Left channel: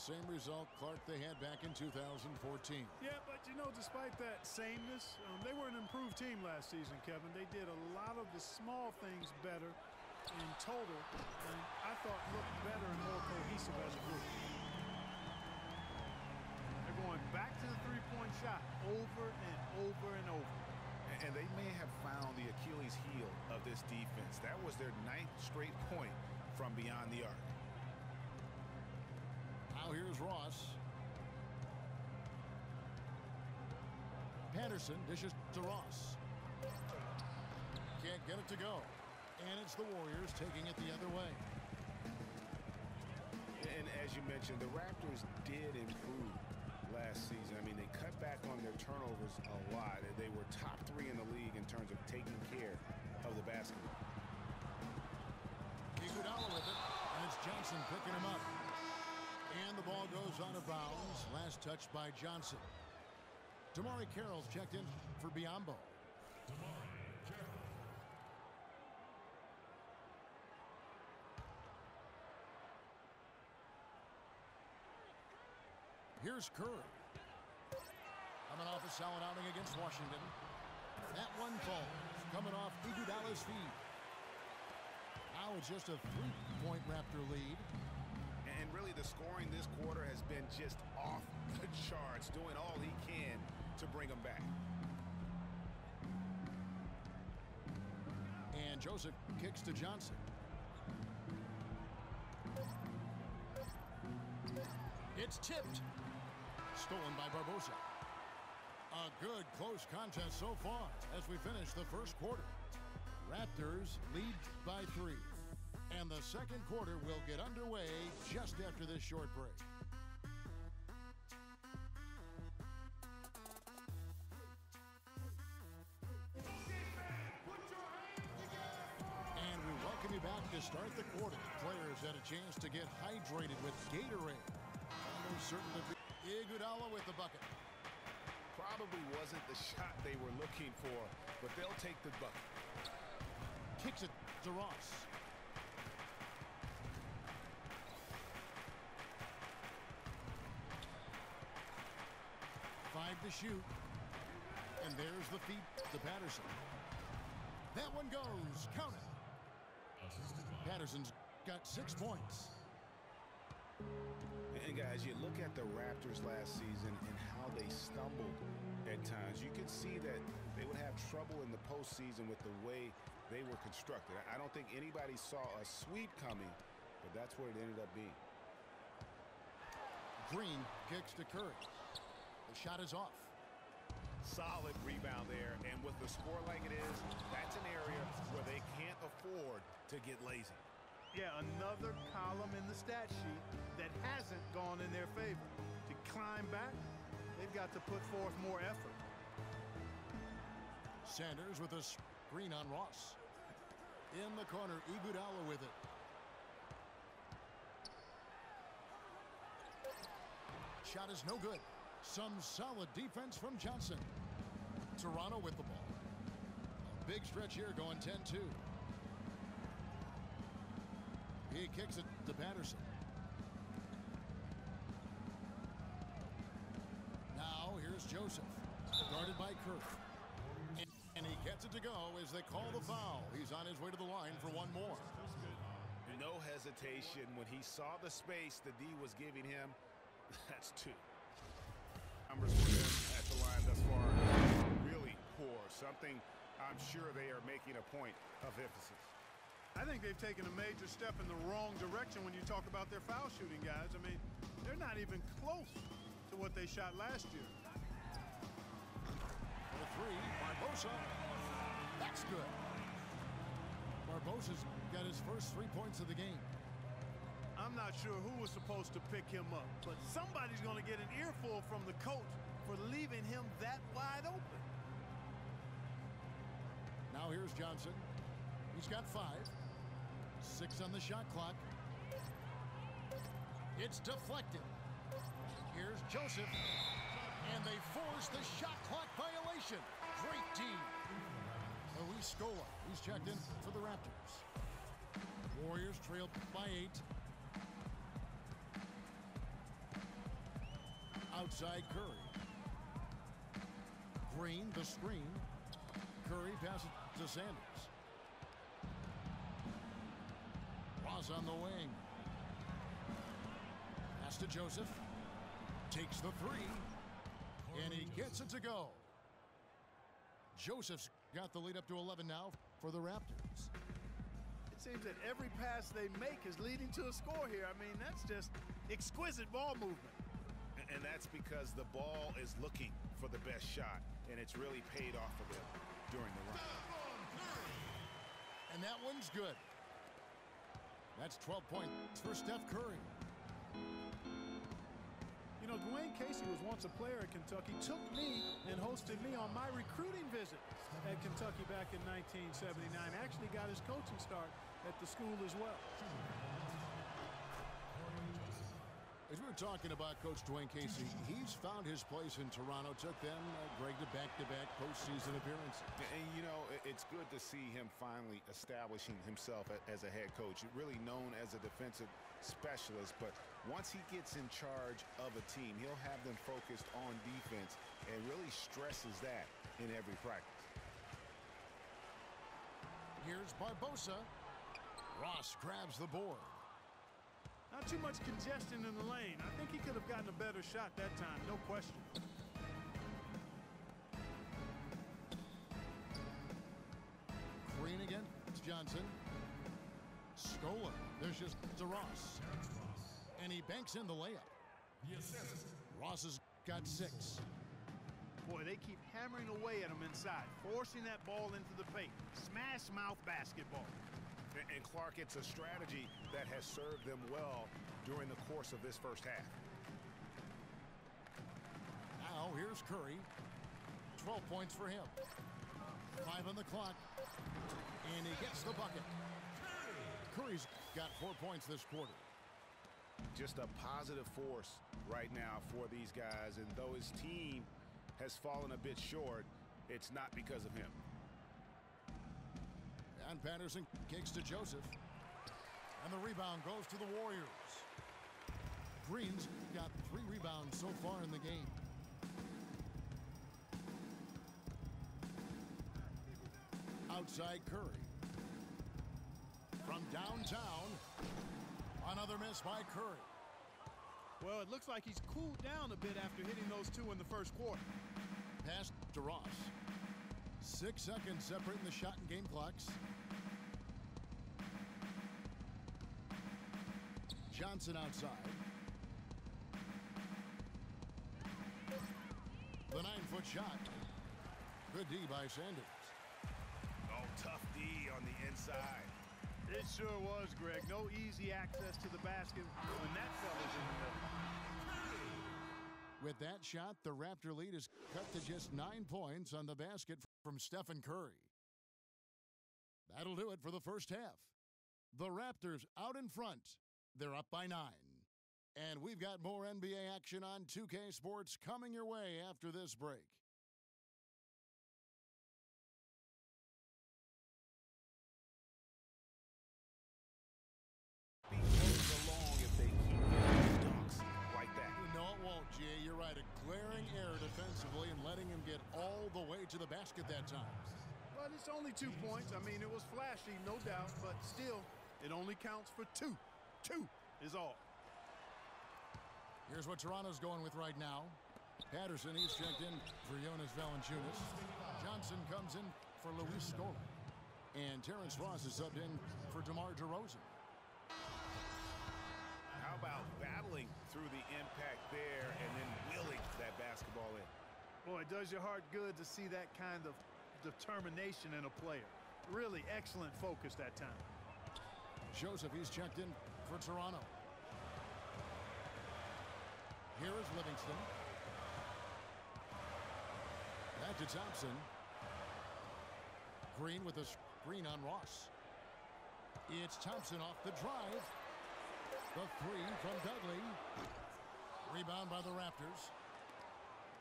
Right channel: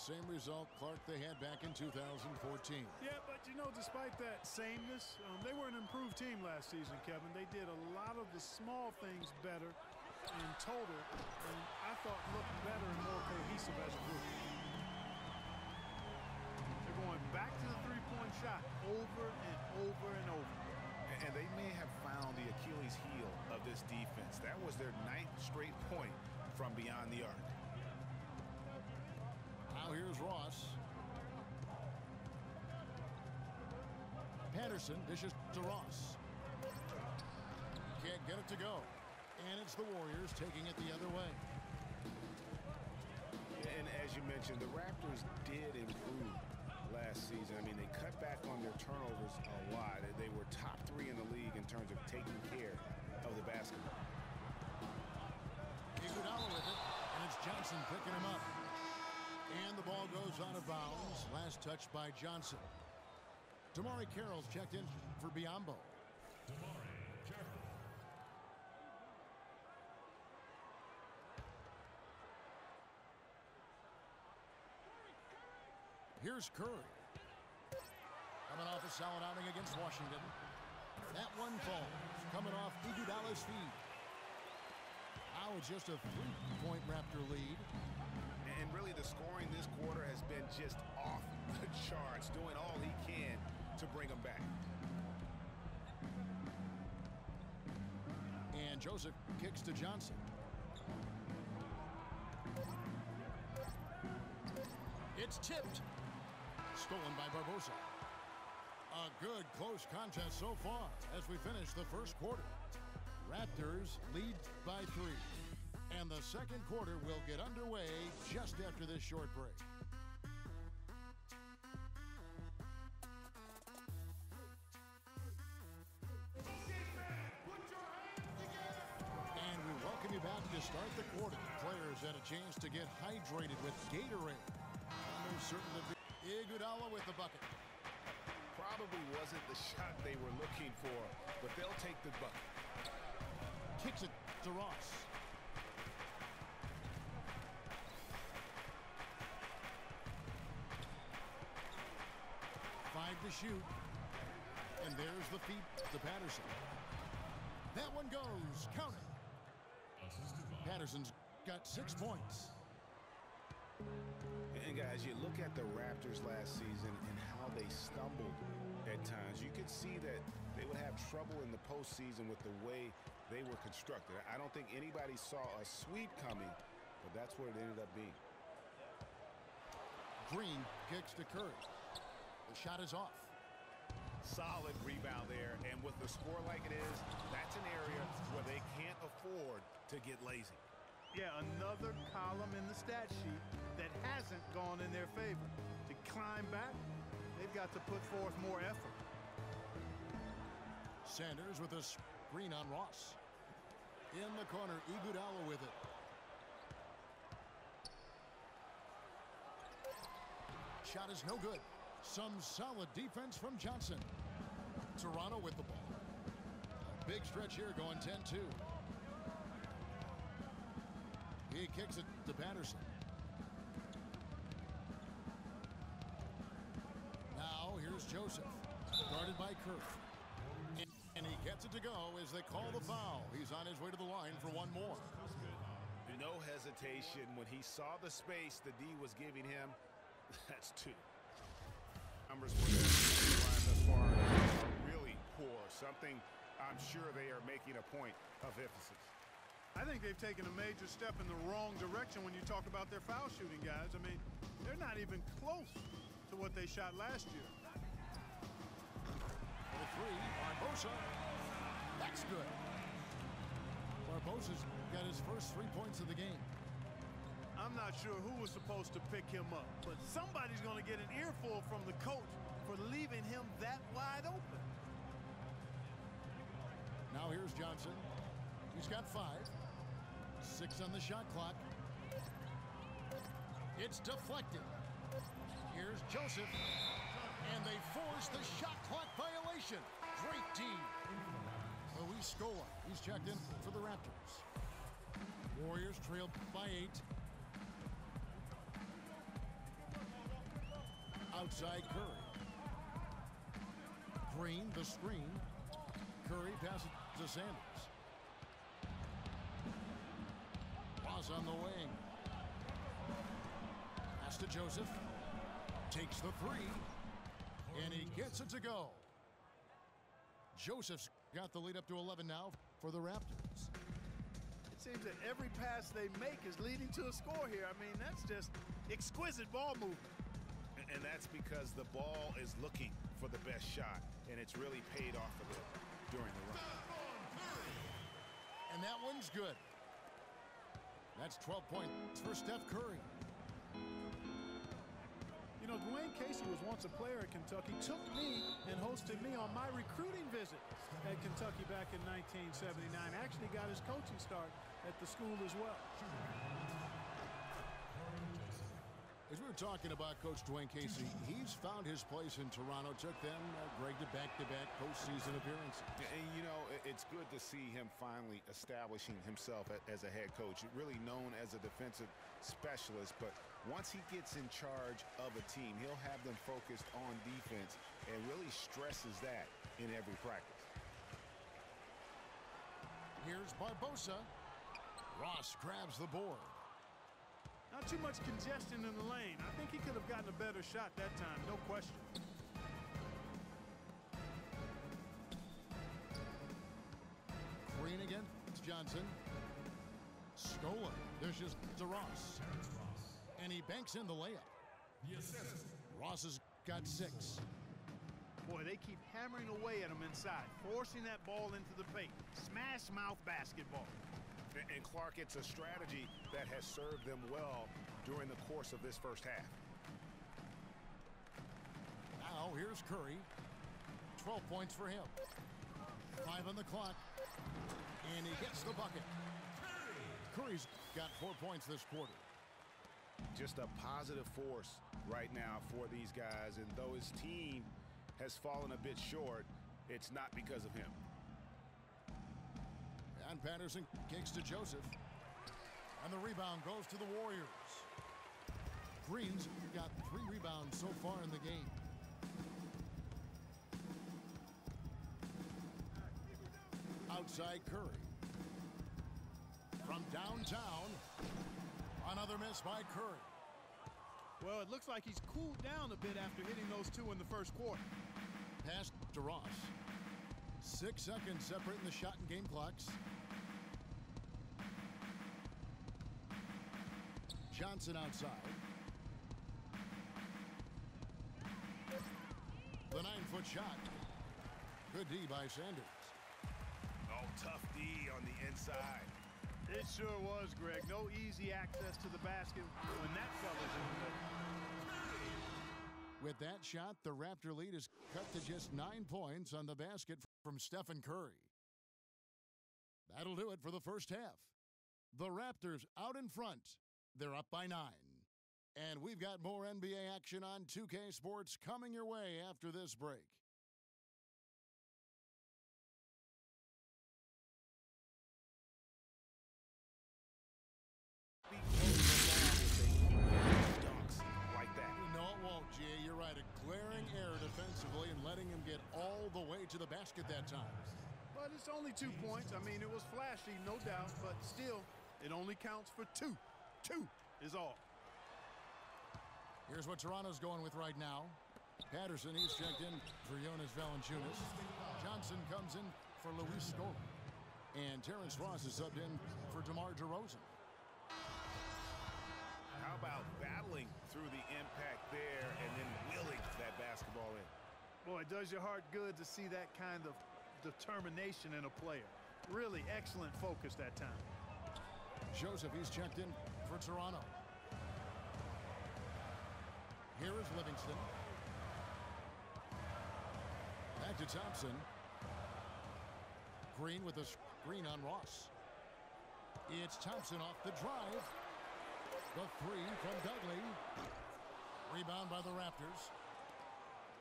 same result, Clark, they had back in 2014. Yeah, but you know, despite that sameness, they were an improved team last season, Kevin. They did a lot of the small things better in total, and I thought looked better and more cohesive as a group. They're going back to the three-point shot over and over and over. And they may have found the Achilles heel of this defense. That was their 9th straight point from beyond the arc. Now here's Ross. Patterson dishes to Ross. Can't get it to go. And it's the Warriors taking it the other way. And as you mentioned, the Raptors did improve last season. I mean, they cut back on their turnovers a lot. They were top 3 in the league in terms of taking care of the basketball. Iguodala with it, and it's Johnson picking him up. And the ball goes out of bounds. Last touch by Johnson. Damari Carroll's checked in for Biyombo. Damari Carroll. Here's Curry. Coming off a solid outing against Washington. That one falls, coming off Iguodala's feet. Now it's just a 3-point Raptor lead. And really the scoring this quarter has been just off the charts, doing all he can to bring them back. And Joseph kicks to Johnson. It's tipped. Stolen by Barbosa. A good close contest so far as we finish the first quarter. Raptors lead by 3. And the second quarter will get underway just after this short break. And we welcome you back to start the quarter. Players had a chance to get hydrated with Gatorade. Almost certain to be Iguodala with the bucket. Probably wasn't the shot they were looking for, but they'll take the bucket. Kicks it to Ross. Five to shoot. And there's the feed to Patterson. That one goes. Count it. Patterson's got 6 points. And guys, you look at the Raptors last season and how they stumbled at times. You could see that they would have trouble in the postseason with the way they were constructed. I don't think anybody saw a sweep coming, but that's what it ended up being. Green kicks to Curry. The shot is off. Solid rebound there, and with the score like it is, that's an area where they can't afford to get lazy. Yeah, another column in the stat sheet that hasn't gone in their favor. To climb back, they've got to put forth more effort. Sanders with a screen on Ross. In the corner, Iguodala with it. Shot is no good. Some solid defense from Johnson. Toronto with the ball. A big stretch here going 10-2. He kicks it to Patterson. Now here's Joseph. Guarded by Curry. And he gets it to go as they call the foul. He's on his way to the line for one more. No hesitation when he saw the space the D was giving him. That's 2. Numbers for the line thus far are really poor. Something I'm sure they are making a point of emphasis. I think they've taken a major step in the wrong direction when you talk about their foul shooting, guys. I mean, they're not even close to what they shot last year. For the 3, Barbosa. That's good. Barbosa's got his first 3 points of the game. I'm not sure who was supposed to pick him up, but somebody's going to get an earful from the coach for leaving him that wide open. Now here's Johnson. He's got 5. 6 on the shot clock. It's deflected. Here's Joseph. And they force the shot clock violation. Great team. Luis Scola. He's checked in for the Raptors. Warriors trail by 8. Outside Curry. Green, the screen. Curry passes to Sanders. Ross on the wing. Pass to Joseph. Takes the three. And he gets it to go. Joseph's got the lead up to 11 now for the Raptors. It seems that every pass they make is leading to a score here. I mean, that's just exquisite ball movement. And that's because the ball is looking for the best shot, and it's really paid off for them during the run. And that one's good. That's 12 points for Steph Curry. You know, Dwayne Casey was once a player at Kentucky, took me and hosted me on my recruiting visit at Kentucky back in 1979. Actually got his coaching start at the school as well. As we were talking about Coach Dwayne Casey, he's found his place in Toronto. Took them, Greg, to back-to-back postseason appearances. And, you know, it's good to see him finally establishing himself as a head coach. Really known as a defensive specialist, but once he gets in charge of a team, he'll have them focused on defense and really stresses that in every practice. Here's Barbosa. Ross grabs the board. Not too much congestion in the lane. I think he could have gotten a better shot that time, no question. Green against Johnson. Scola. There's just to Ross. And he banks in the layup. Ross has got 6. Boy, they keep hammering away at him inside, forcing that ball into the paint. Smash mouth basketball. And Clark, it's a strategy that has served them well during the course of this first half. Now here's Curry. 12 points for him. 5 on the clock. And he gets the bucket. Curry's got 4 points this quarter. Just a positive force right now for these guys. And though his team has fallen a bit short, it's not because of him. And Patterson kicks to Joseph. And the rebound goes to the Warriors. Green's got 3 rebounds so far in the game. Outside Curry. From downtown, another miss by Curry. Well, it looks like he's cooled down a bit after hitting those 2 in the first quarter. Pass to Ross. 6 seconds separating the shot and game clocks. Johnson outside. The 9-foot shot. Good D by Sanders. Oh, tough D on the inside. It sure was, Greg. No easy access to the basket when that fella's in the middle. With that shot, the Raptor lead is cut to just 9 points on the basket from Stephen Curry. That'll do it for the first half. The Raptors out in front. They're up by 9. And we've got more NBA action on 2K Sports coming your way after this break. Be close along if they keep getting dunks like that. No, it won't, G.A. You're right. A glaring error defensively and letting him get all the way to the basket that time. But it's only 2 points. I mean, it was flashy, no doubt, but still, it only counts for 2. 2 is all. Here's what Toronto's going with right now. Patterson, he's checked in for Jonas Valanciunas. Johnson comes in for Luis Scola. And Terrence Ross is subbed in for DeMar DeRozan. How about battling through the impact there and then willing that basketball in? Boy, it does your heart good to see that kind of determination in a player. Really excellent focus that time. Joseph, he's checked in for Toronto. Here is Livingston. Back to Thompson. Green with a screen on Ross. It's Thompson off the drive. The 3 from Dudley. Rebound by the Raptors.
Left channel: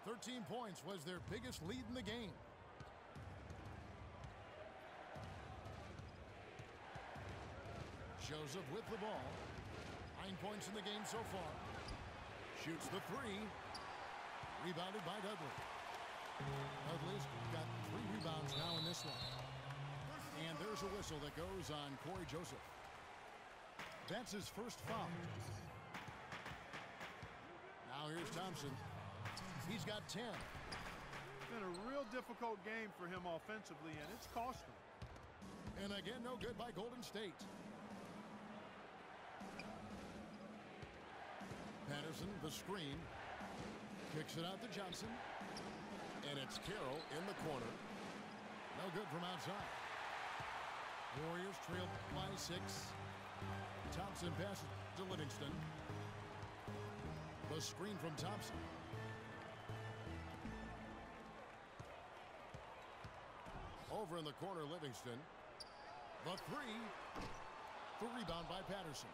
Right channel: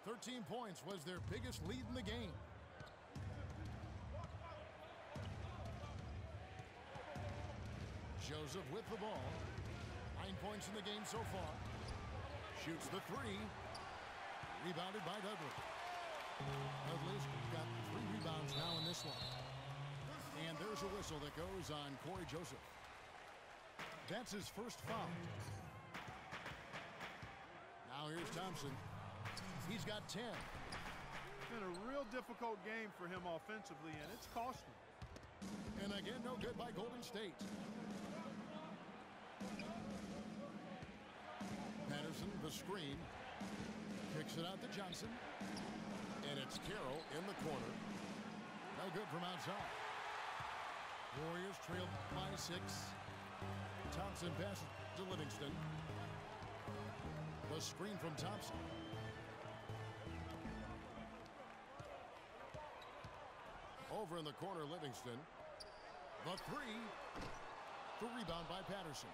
13 points was their biggest lead in the game. Joseph with the ball. 9 points in the game so far. Shoots the 3. Rebounded by Dudley. Dudley's got 3 rebounds now in this one. And there's a whistle that goes on Corey Joseph. That's his first foul. Now here's Thompson. He's got 10. It's been a real difficult game for him offensively, and it's cost him. And again, no good by Golden State. Patterson, the screen. Kicks it out to Johnson. And it's Carroll in the corner. No good from outside. Warriors trail by 6. Thompson passes to Livingston. The screen from Thompson. Over in the corner, Livingston. The 3. The rebound by Patterson.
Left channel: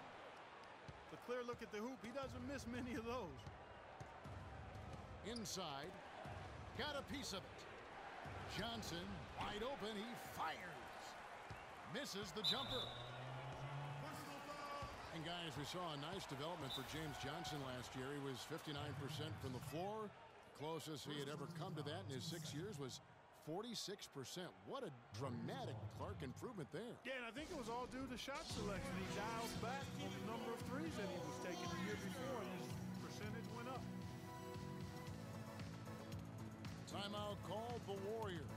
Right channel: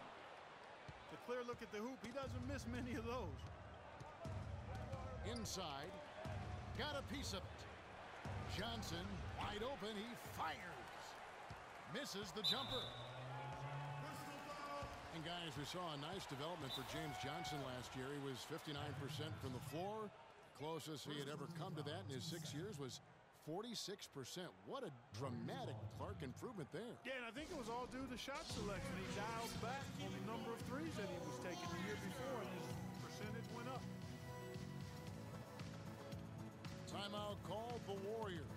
It's a clear look at the hoop. He doesn't miss many of those. Inside. Got a piece of it. Johnson, wide open. He fires. Misses the jumper. And guys, we saw a nice development for James Johnson last year. He was 59% from the floor. The closest he had ever come to that in his 6 years was 46%. What a dramatic Clark improvement there. Yeah, and I think it was all due to shot selection. He dialed back on the number of threes that he was taking the year before, and his percentage went up. Timeout called the Warriors.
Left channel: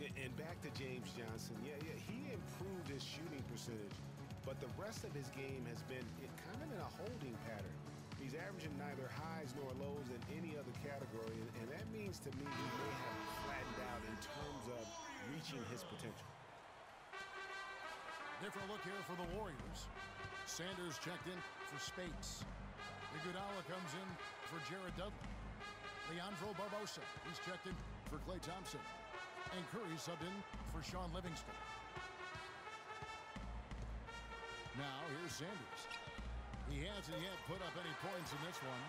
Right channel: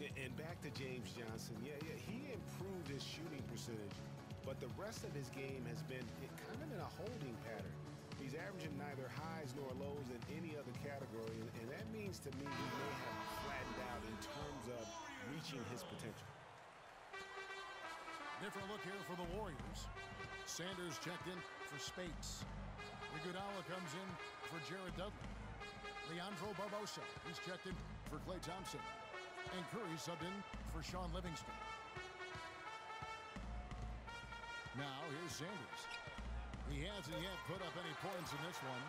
And back to James Johnson. Yeah, he improved his shooting percentage, but the rest of his game has been kind of in a holding pattern. He's averaging neither highs nor lows in any other category, and that means to me he may have flattened out in terms of reaching his potential. Different look here for the Warriors. Sanders checked in for Spates. Iguodala comes in for Jared Dudley. Leandro Barbosa, he's checked in for Klay Thompson. And Curry subbed in for Sean Livingston. Now here's Sanders. He hasn't yet put up any points in this one.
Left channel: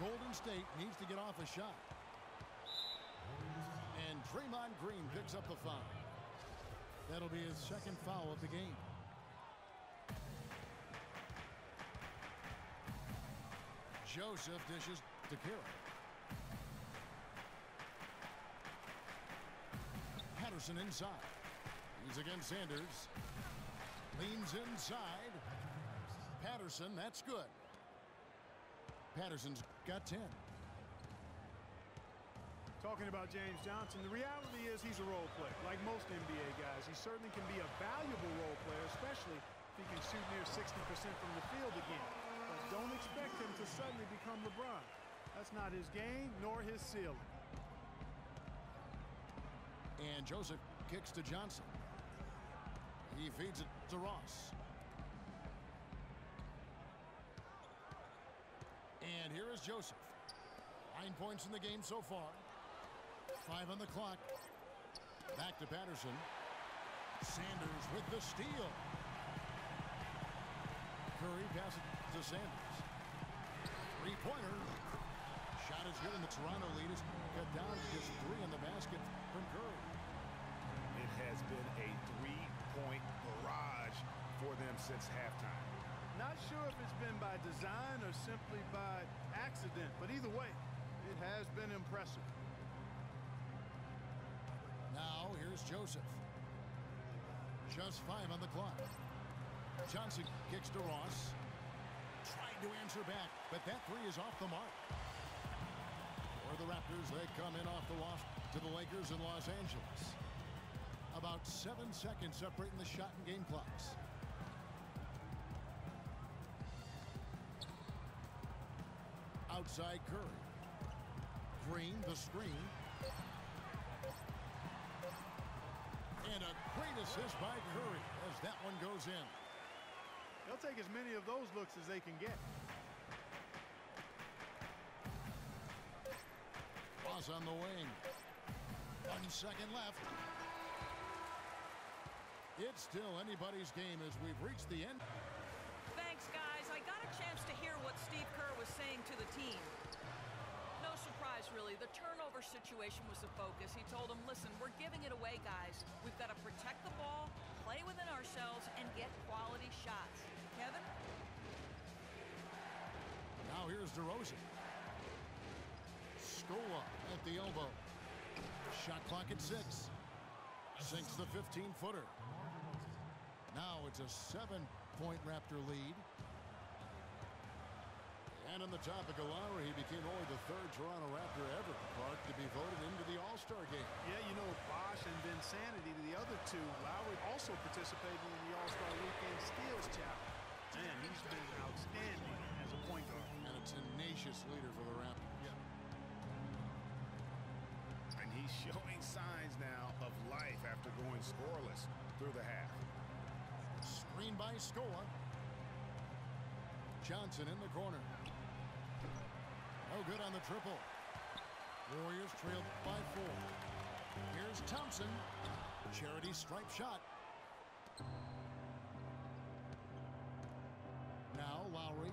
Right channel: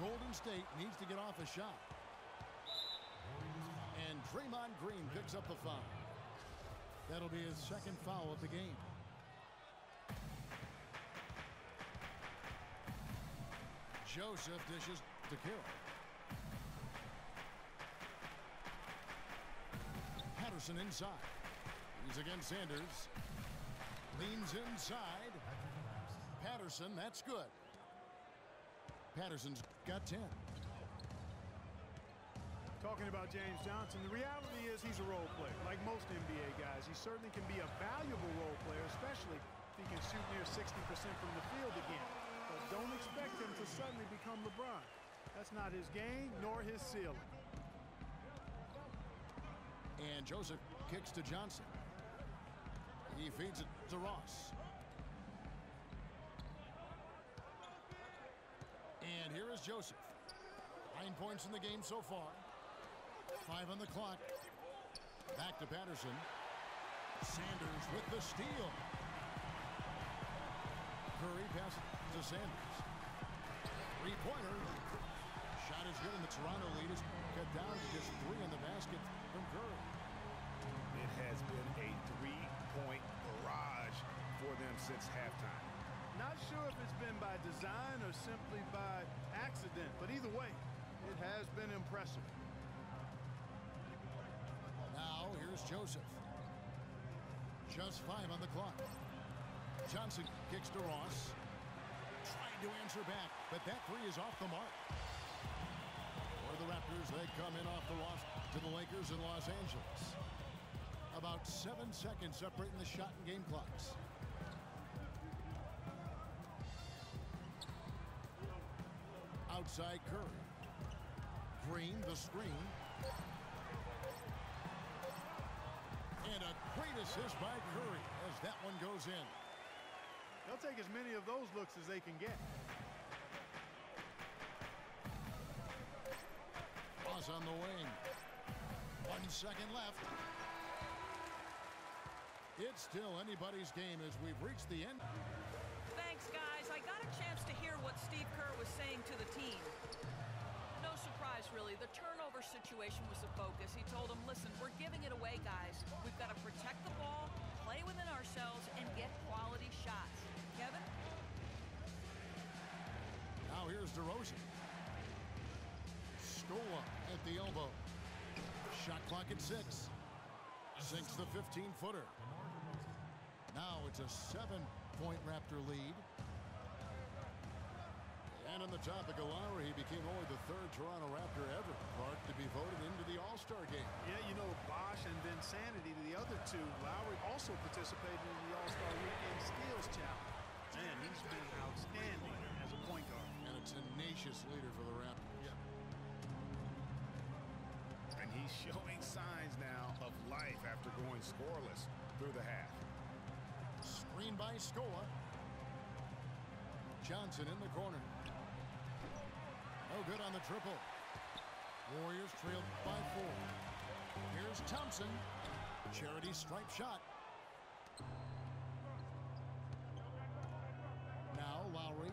Golden State needs to get off a shot. And Draymond Green picks up the foul. That'll be his second foul of the game. Joseph dishes to Carroll. Patterson inside. He's against Sanders. Leans inside. Patterson, that's good. Patterson's got 10. Talking about James Johnson, the reality is he's a role player. Like most NBA guys, he certainly can be a valuable role player, especially if he can shoot near 60% from the field again. But don't expect him to suddenly become LeBron. That's not his game, nor his ceiling. And Joseph kicks to Johnson. He feeds it to Ross. And here is Joseph. 9 points in the game so far. 5 on the clock. Back to Patterson. Sanders with the steal. Curry passes to Sanders. Three-pointer. Shot is good, and the Toronto lead is cut down to just 3 on the basket from Curry. It has been a 3-point barrage for them since halftime. Not sure if it's been by design or simply by accident, but either way, it has been impressive. Now here's Joseph. Just 5 on the clock. Johnson kicks to Ross. Tried to answer back, but that 3 is off the mark. For the Raptors, they come in off the loss to the Lakers in Los Angeles. About 7 seconds separating the shot and game clocks. Outside Curry. Green, the screen. And a great assist by Curry as that one goes in. They'll take as many of those looks as they can get. Ross on the wing. 1 second left. It's still anybody's game as we've reached the end. Thanks, guys. I got a chance to hear what Steve Kerr was saying to the team. No surprise, really. The turnover situation was the focus. He told them, listen, we're giving it away, guys. We've got to protect the ball, play within ourselves, and get quality shots. Kevin? Now here's DeRozan. Scola at the elbow. Shot clock at 6. Sinks the 15-footer. Now it's a 7-point Raptor lead. And on the topic of Lowry, he became only the 3rd Toronto Raptor ever, Clark, to be voted into the All-Star game. Yeah, you know, Bosch and Virtinsanity, the other two, Lowry also participated in the All-Star Weekend Steals Challenge. Man, he's been outstanding as a point guard. And a tenacious leader for the Raptors. Yeah. And he's showing signs now of life after going scoreless through the half. Screen by Scola. Johnson in the corner. No good on the triple. Warriors trail by 4. Here's Thompson. Charity stripe shot. Now Lowry.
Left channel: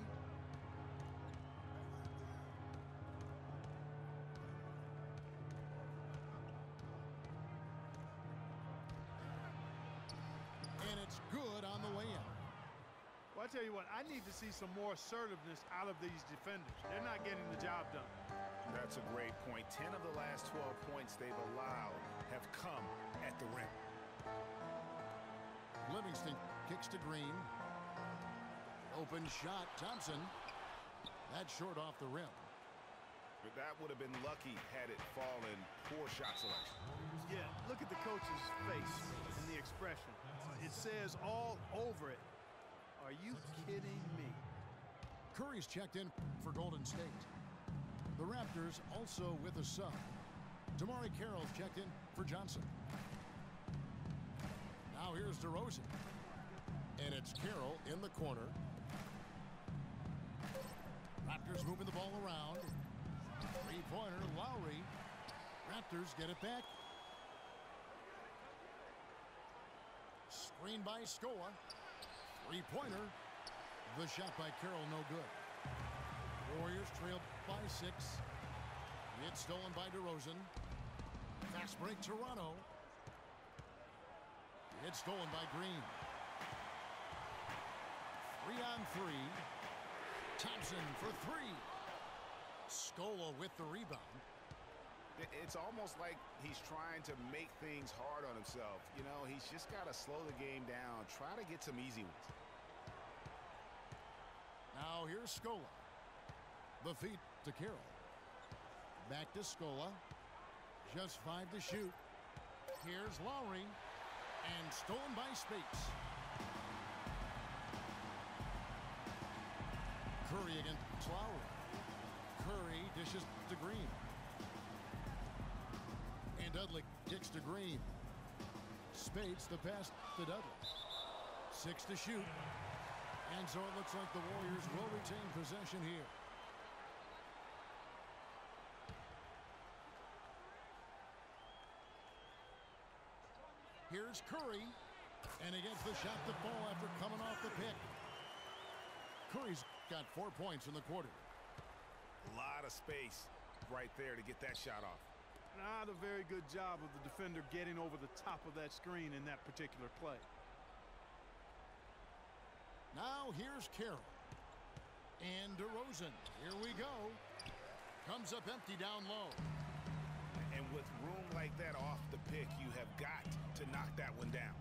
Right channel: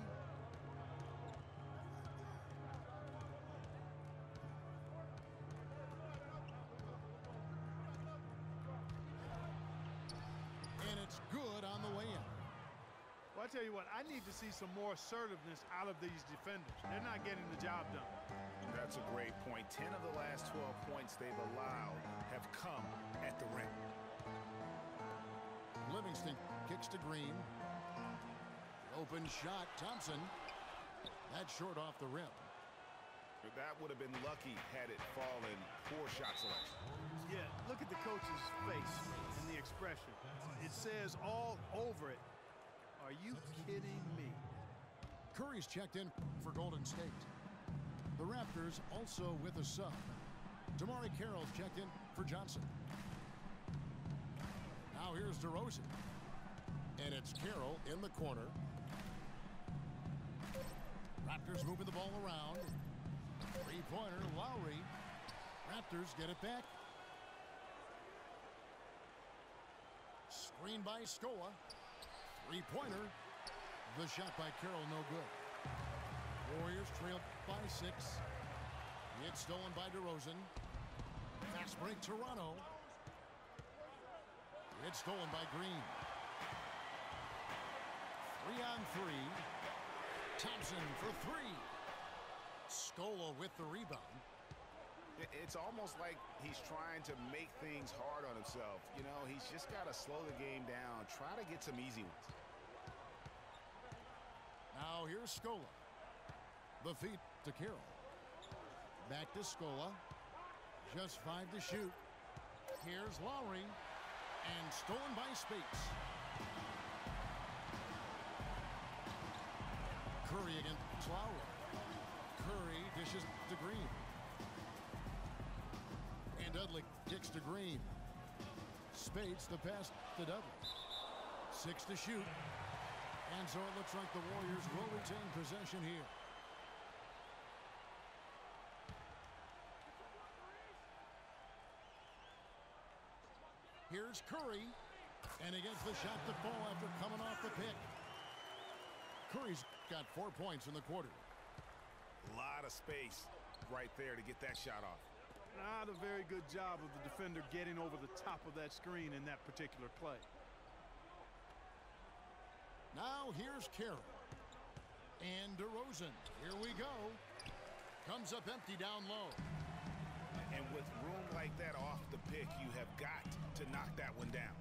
And it's good on the way in. Well, I tell you what, I need to see some more assertiveness out of these defenders. They're not getting the job done. That's a great point. 10 of the last 12 points they've allowed have come at the rim. Livingston kicks to Green. Open shot, Thompson. That's short off the rim. That would have been lucky had it fallen. Poor shot selection. Yeah, look at the coach's face and the expression. It says all over it. Are you kidding me? Curry's checked in for Golden State. The Raptors also with a sub. Damari Carroll's checked in for Johnson. Now here's DeRozan. And it's Carroll in the corner. Raptors moving the ball around. Three-pointer, Lowry. Raptors get it back. Screen by Scola. Three-pointer. The shot by Carroll, no good. Warriors trail by 6. It's stolen by DeRozan. Fast break, Toronto. It's stolen by Green. 3 on 3. Thompson for 3. Scola with the rebound. It's almost like he's trying to make things hard on himself. You know, he's just got to slow the game down. Try to get some easy ones. Now here's Scola. The feed to Carroll. Back to Scola. Just 5 to shoot. Here's Lowry. And stolen by Spates. Curry against Lowry. Curry dishes to Green. And Dudley kicks to Green. Spates the pass to Dudley. 6 to shoot. And so it looks like the Warriors will retain possession here. Here's Curry. And he gets the shot to fall after coming off the pick. Curry's got 4 points in the quarter. A lot of space right there to get that shot off. Not a very good job of the defender getting over the top of that screen in that particular play. Now here's Carroll. And DeRozan. Here we go. Comes up empty down low. And with room like that off the pick, you have got to knock that one down.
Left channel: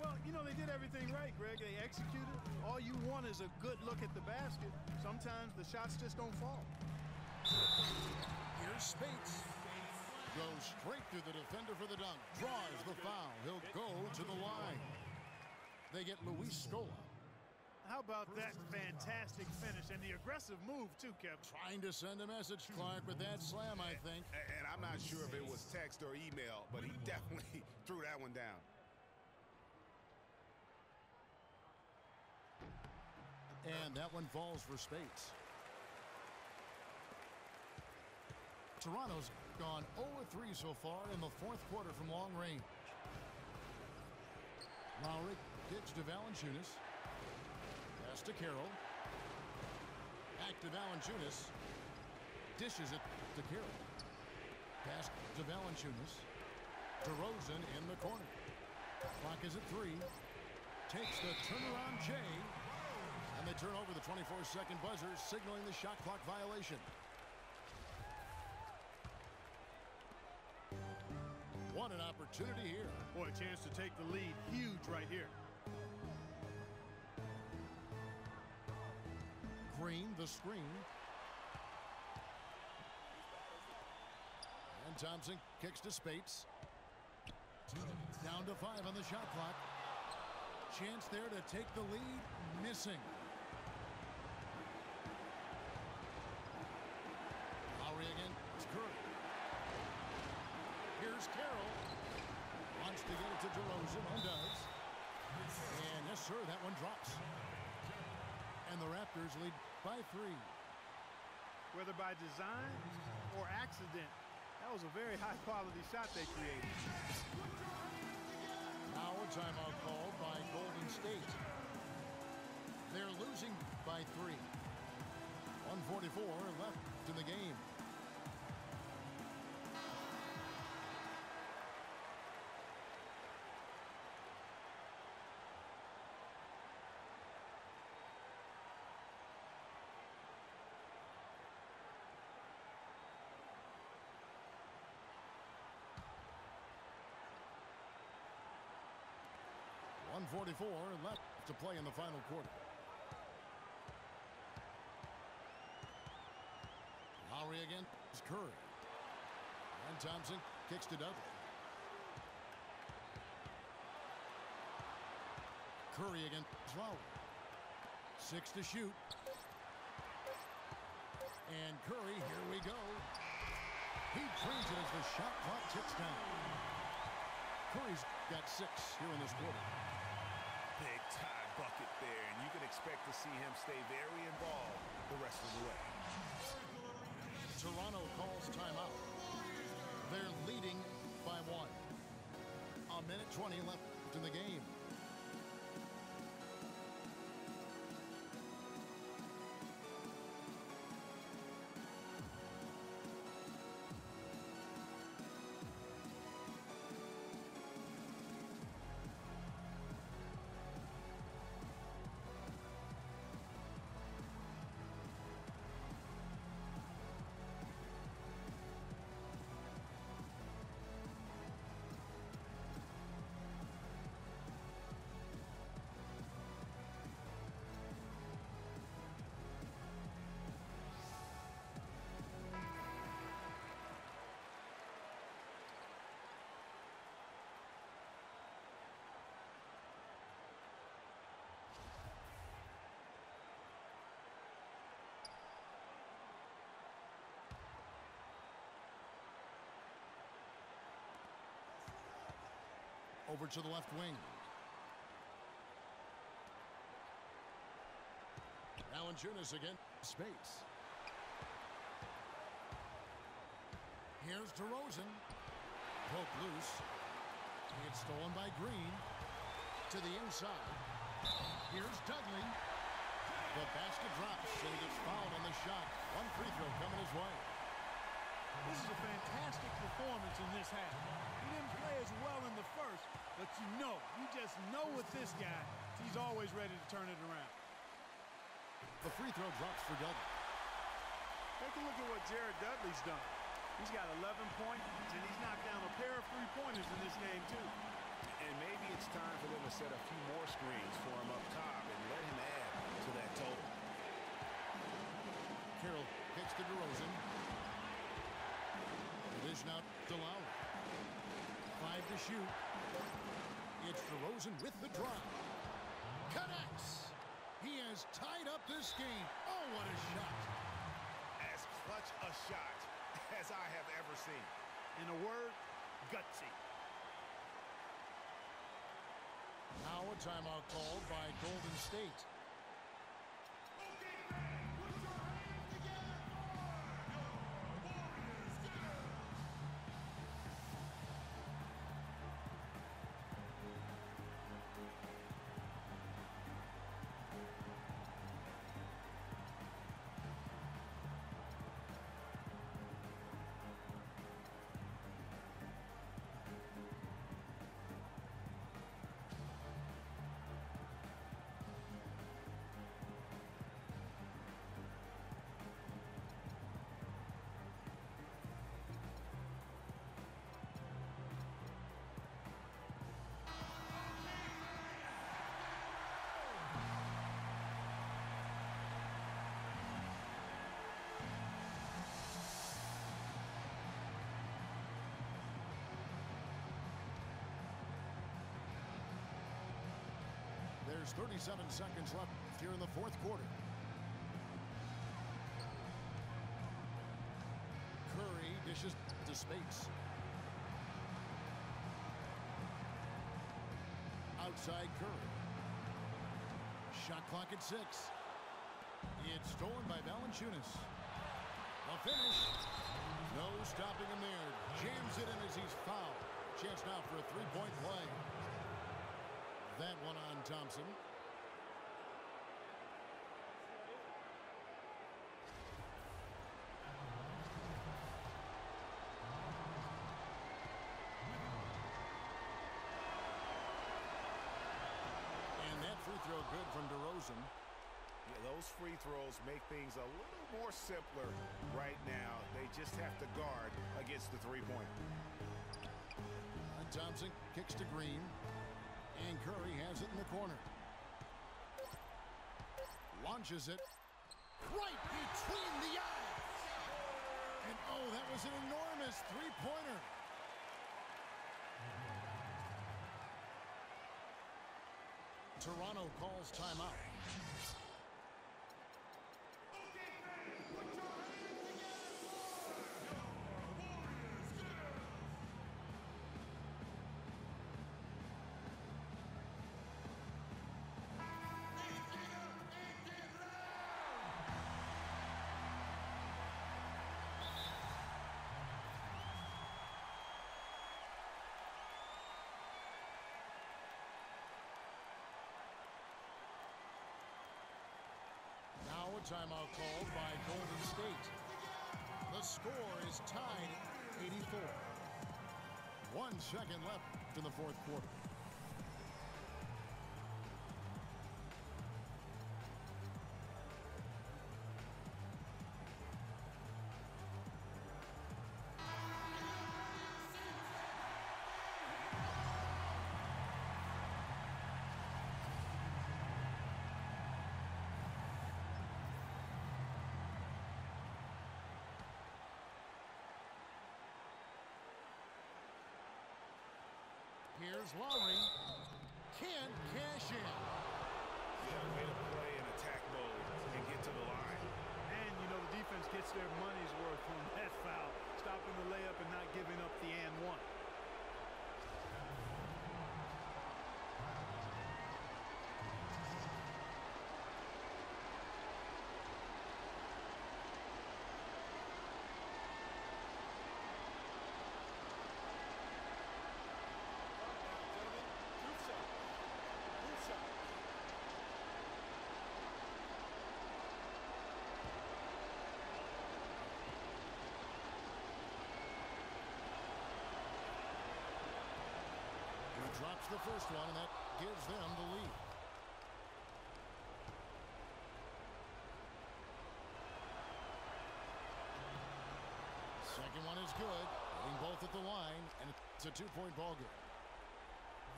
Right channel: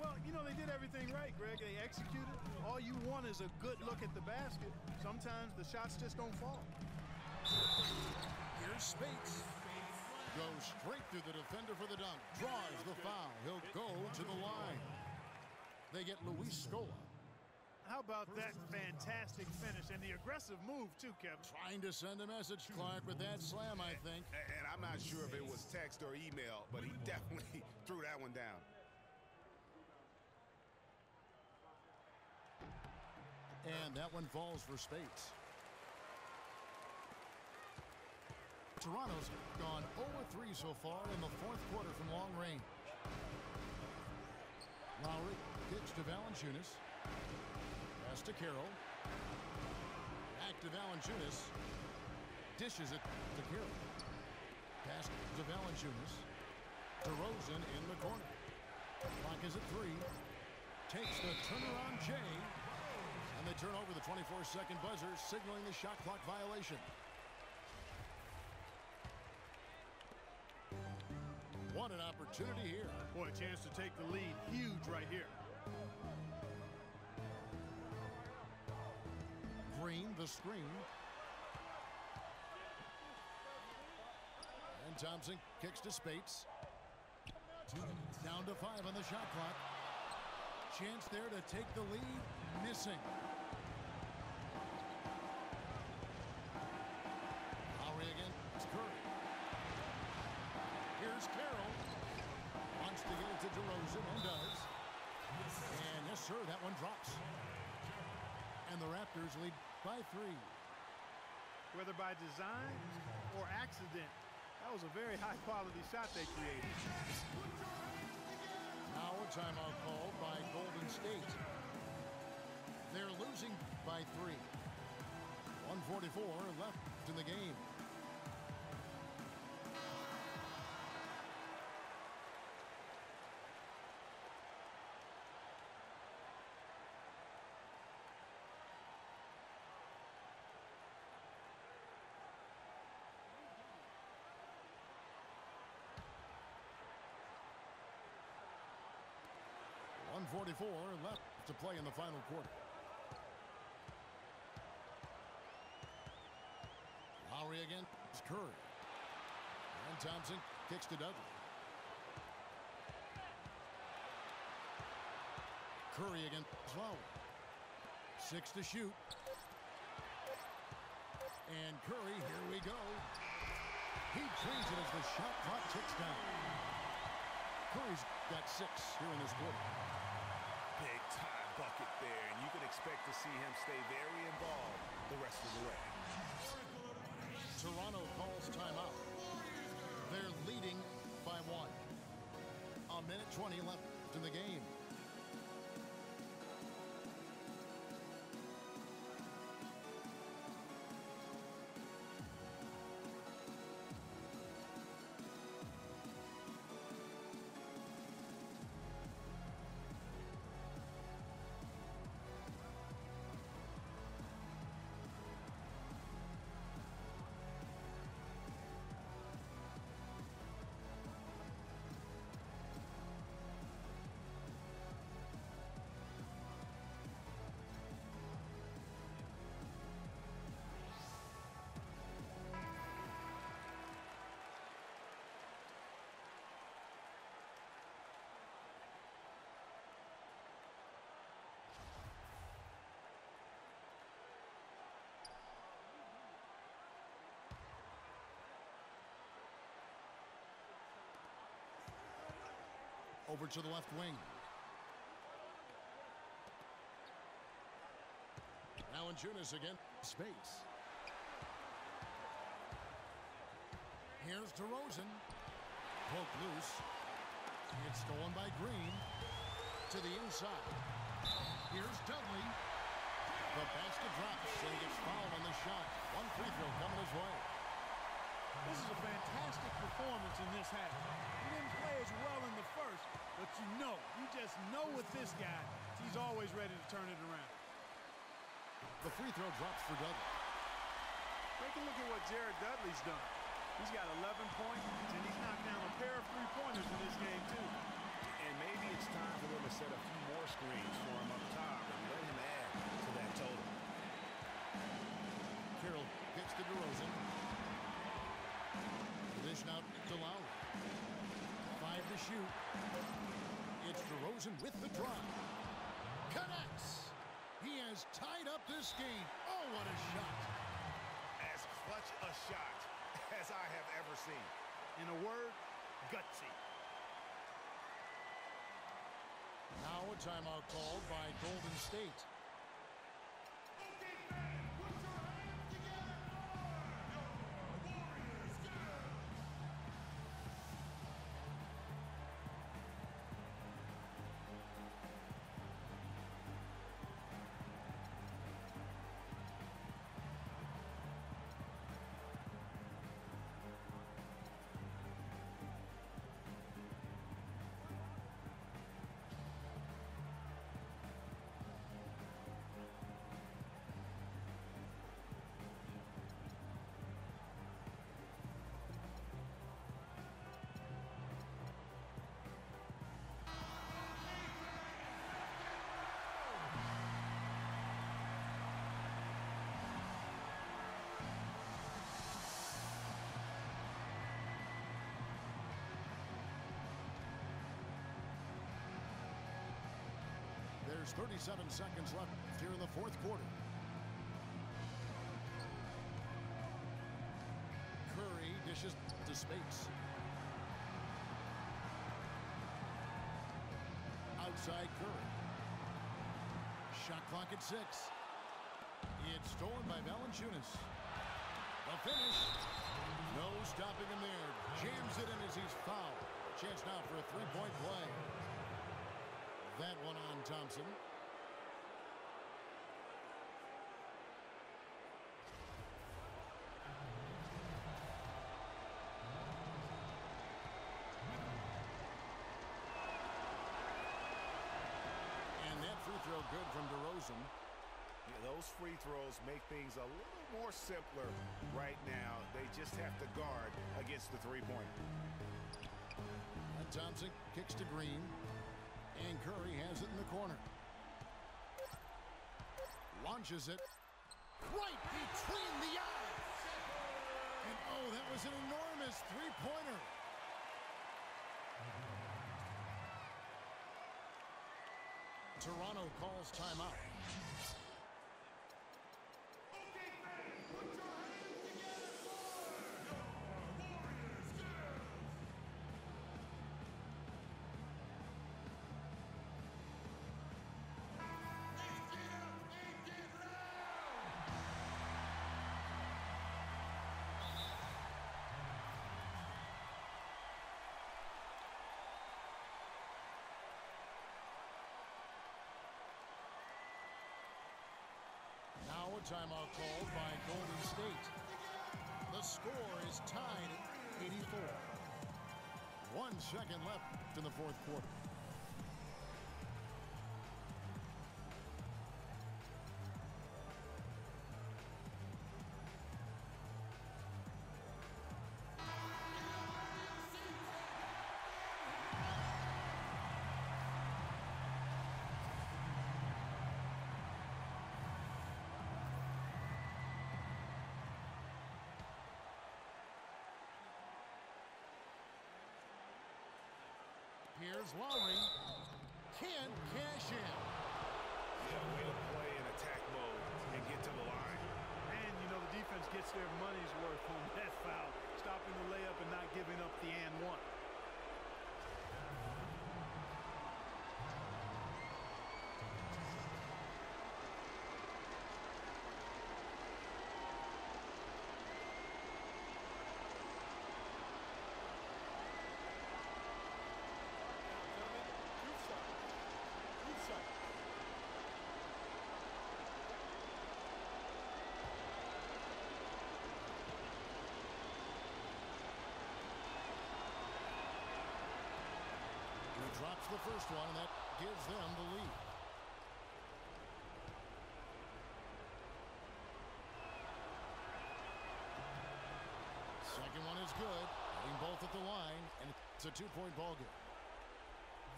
Well, you know, they did everything right, Greg. They executed. All you want is a good look at the basket. Sometimes the shots just don't fall. Here's Spates. Goes straight through the defender for the dunk. Draws the foul. He'll go to the line. They get Luis Scola. How about that fantastic finish and the aggressive move, too, Kevin? Trying to send a message, Clark, with that slam, I think. And I'm not sure if it was text or email, but he definitely threw that one down. And that one falls for Spates. Toronto's gone 0-3 so far in the fourth quarter from long range. Lowry kicks to Valanciunas. Pass to Carroll. Back to Valanciunas. Dishes it to Carroll. Pass to Valanciunas. DeRozan in the corner. Clock is at 3. Takes the turnaround Jay. And they turn over the 24-second buzzer, signaling the shot clock violation. What an opportunity here. Boy, a chance to take the lead. Huge right here. Green, the screen. And Thompson kicks to Spates. Down to 5 on the shot clock. Chance there to take the lead. Missing. Lowry again. It's Curry. Here's Carroll. Wants to get it to DeRozan and does. And yes, sir, that one drops. And the Raptors lead by 3. Whether by design or accident, that was a very high-quality shot they created. Now a timeout called by Golden State. They're losing by 3. 1:44 left in the game. .144 left to play in the final quarter. Lowry again. It's Curry. And Thompson kicks to Dudley. Curry again. Lowry. 6 to shoot. And Curry, here we go. He drains it as the shot clock ticks down. Curry's got 6 here in this quarter. Big time bucket there, and you can expect to see him stay very involved the rest of the way. Toronto calls timeout. They're leading by 1. 1:20 left in the game. Over to the left wing. Valanciunas again. Space. Here's DeRozan. Poked loose. It's stolen by Green. To the inside. Here's Dudley. The basket drops and he gets fouled on the shot. 1 free throw coming his way. This is a fantastic performance in this half. He didn't play as well in the first, but you just know with this guy, he's always ready to turn it around. The free throw drops for Dudley. Take a look at what Jared Dudley's done. He's got 11 points, and he's knocked down a pair of three-pointers in this game, too. And maybe it's time for them to set a few more screens for him up top and let him add to that total. Carroll kicks to DeRozan. Dish out to Lowry. 5 to shoot. It's DeRozan with the drive. Connects. He has tied up this game. Oh, what a shot. As clutch a shot as I have ever seen. In a word, gutsy. Now a timeout called by Golden State. There's 37 seconds left here in the fourth quarter. Curry dishes to space. Outside Curry. Shot clock at 6. It's stolen by Valanciunas. The finish. No stopping him there. Jams it in as he's fouled. Chance now for a three-point play. That one on Thompson. And that free throw good from DeRozan. Yeah, those free throws make things a little more simpler right now. They just have to guard against the three-pointer. Thompson kicks to Green. And Curry has it in the corner. Launches it right between the eyes. And oh, that was an enormous three-pointer. Toronto calls timeout. Now a timeout called by Golden State. The score is tied at 84. 1 second left in the fourth quarter. Here's Lowry. Can't cash in. Yeah, way to play in attack mode and get to the line. And, you know, the defense gets their money's worth on that foul, stopping the layup and not giving up the and one. Drops the first one, and that gives them the lead. Second one is good. Hitting both at the line, and it's a two-point ball game.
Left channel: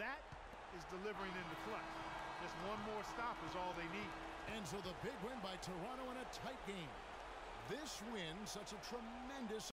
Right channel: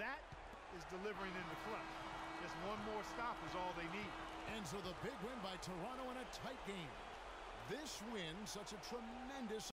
That is delivering in the clutch. Just one more stop is all they need. And so the big win by Toronto in a tight game. This win, such a tremendous